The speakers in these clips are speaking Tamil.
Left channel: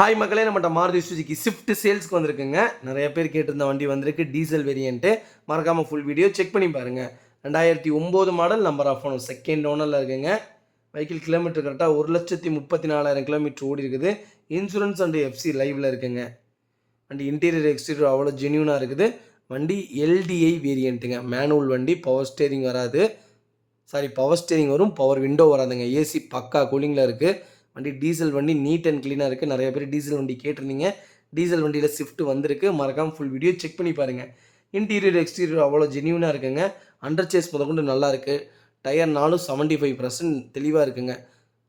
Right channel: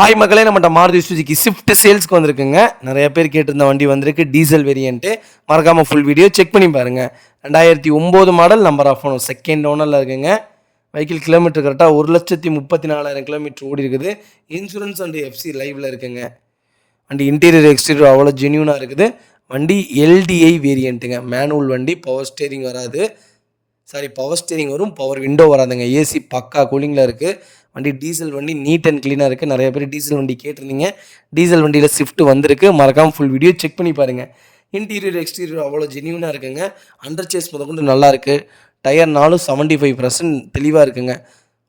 ஹாய் மக்களே, நம்மகிட்ட மாருதி சுசுகி ஸ்விஃப்ட் சேல்ஸ்க்கு வந்திருக்குங்க. நிறைய பேர் கேட்டிருந்த வண்டி வந்திருக்கு. Diesel variant. மறக்காமல் ஃபுல் வீடியோ செக் பண்ணி பாருங்கள். 2009 model, number of owner, second ஓனரில் இருக்குங்க. வெஹிக்கிள் கிலோமீட்டர் கரெக்டாக 1,34,000 கிலோமீட்டர் ஓடி இருக்குது. இன்சூரன்ஸ் அண்ட் எஃப்சி லைவில் இருக்குங்க. வண்டி இன்டீரியர் எக்ஸ்டீரியர் அவ்வளோ ஜென்யூனாக இருக்குது. வண்டி எல்டிஐ வேரியண்ட்டுங்க. மேனுவல் வண்டி, பவர் ஸ்டேரிங் வராது. பவர் ஸ்டேரிங் வரும், பவர் விண்டோ வராதுங்க. ஏசி பக்கா கூலிங்கில் இருக்குது. வண்டி டீசல் வண்டி, நீட் அண்ட் க்ளீனாக இருக்குது. நிறைய பேர் டீசல் வண்டி கேட்டிருந்தீங்க. டீசல் வண்டியில் ஸ்விஃப்ட் வந்திருக்கு. மறக்காமல் ஃபுல் வீடியோ செக் பண்ணி பாருங்கள். இன்டீரியர் எக்ஸ்டீரியர் அவ்வளோ ஜென்யூனாக இருக்குங்க. அண்டர் சேஸ் முதற்கொண்டு நல்லாயிருக்கு. டயர் 75% தெளிவாக இருக்குங்க.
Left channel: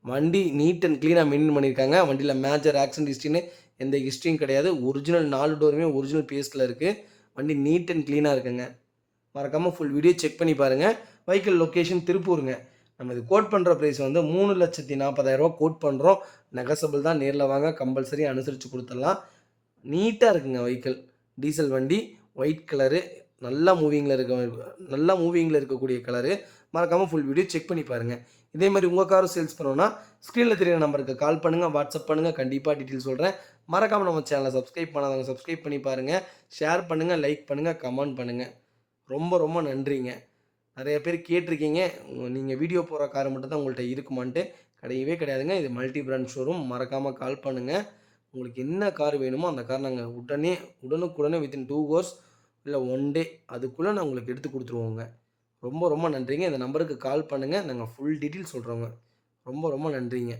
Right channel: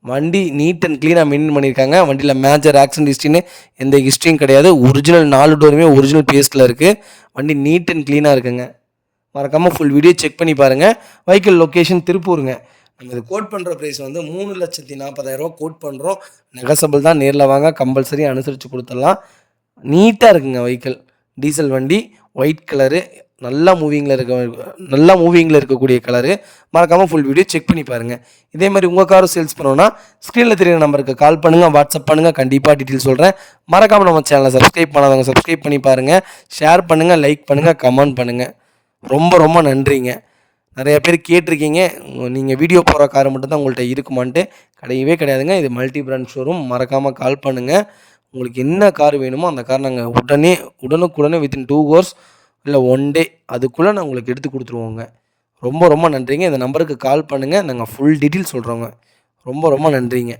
வண்டி நீட் அண்ட் க்ளீனாக மெயின்டைன் பண்ணியிருக்காங்க. வண்டியில் மேஜர் ஆக்சிடென்ட் ஹிஸ்ட்ரின்னு எந்த ஹிஸ்ட்ரியும் கிடையாது. ஒரிஜினல் 4 டோருமே ஒரிஜினல் பேஸ்டில் இருக்குது. வண்டி நீட் அண்ட் க்ளீனாக இருக்குங்க. மறக்காமல் ஃபுல் வீடியோ செக் பண்ணி பாருங்கள். வெஹிக்கிள் லொக்கேஷன் திருப்பூருங்க. நம்ம இது கோட் பண்ணுற ப்ரைஸ் வந்து 3,40,000 கோட் பண்ணுறோம். நெகசபிள் தான், நேரில் வாங்க, கம்பல்சரி அனுசரித்து கொடுத்துடலாம். நீட்டாக இருக்குங்க வெஹிக்கிள். டீசல் வண்டி, ஒயிட் கலரு, நல்லா மூவிங்கில் இருக்கக்கூடிய கலரு. மறக்காமல் ஃபுல் வீடியோ செக் பண்ணி பாருங்கள். இதே மாதிரி உங்கள் காரும் சேல்ஸ் பண்ணோன்னா ஸ்க்ரீனில் தெரியுற நம்பருக்கு கால் பண்ணுங்கள், வாட்ஸ்அப் பண்ணுங்கள். கண்டிப்பாக டீட்டெயில் சொல்கிறேன். மறக்காமல் நம்ம சேனலை சப்ஸ்கிரைப் பண்ணாதவங்க சப்ஸ்கிரைப் பண்ணி பாருங்கள். ஷேர் பண்ணுங்கள், லைக் பண்ணுங்கள், கமெண்ட் பண்ணுங்கள். ரொம்ப ரொம்ப நன்றிங்க. நிறைய பேர் கேட்டிருக்கீங்க, நீங்கள் வீடியோ போகிற கார் மட்டும்தான் உங்கள்கிட்ட இருக்குமான்ட்டு. கிடையவே கிடையாதுங்க. இது மல்டி பிராண்ட் ஷோரூம். மறக்காமல் கால் பண்ணுங்கள். உங்களுக்கு என்ன கார் வேணுமோ அந்த கார் நாங்கள் உடனுக்குடனே வித்தின் 2 hours இல்லை 1 day அதுக்குள்ளே நான் உங்களுக்கு எடுத்து கொடுத்துருவோங்க. ரொம்ப ரொம்ப நன்றிங்க. இந்த நம்பருக்கு கால் பண்ணுங்கள். நாங்கள் ஃபுல் டீட்டெயில் சொல்கிறோங்க. ரொம்ப ரொம்ப நன்றிங்க.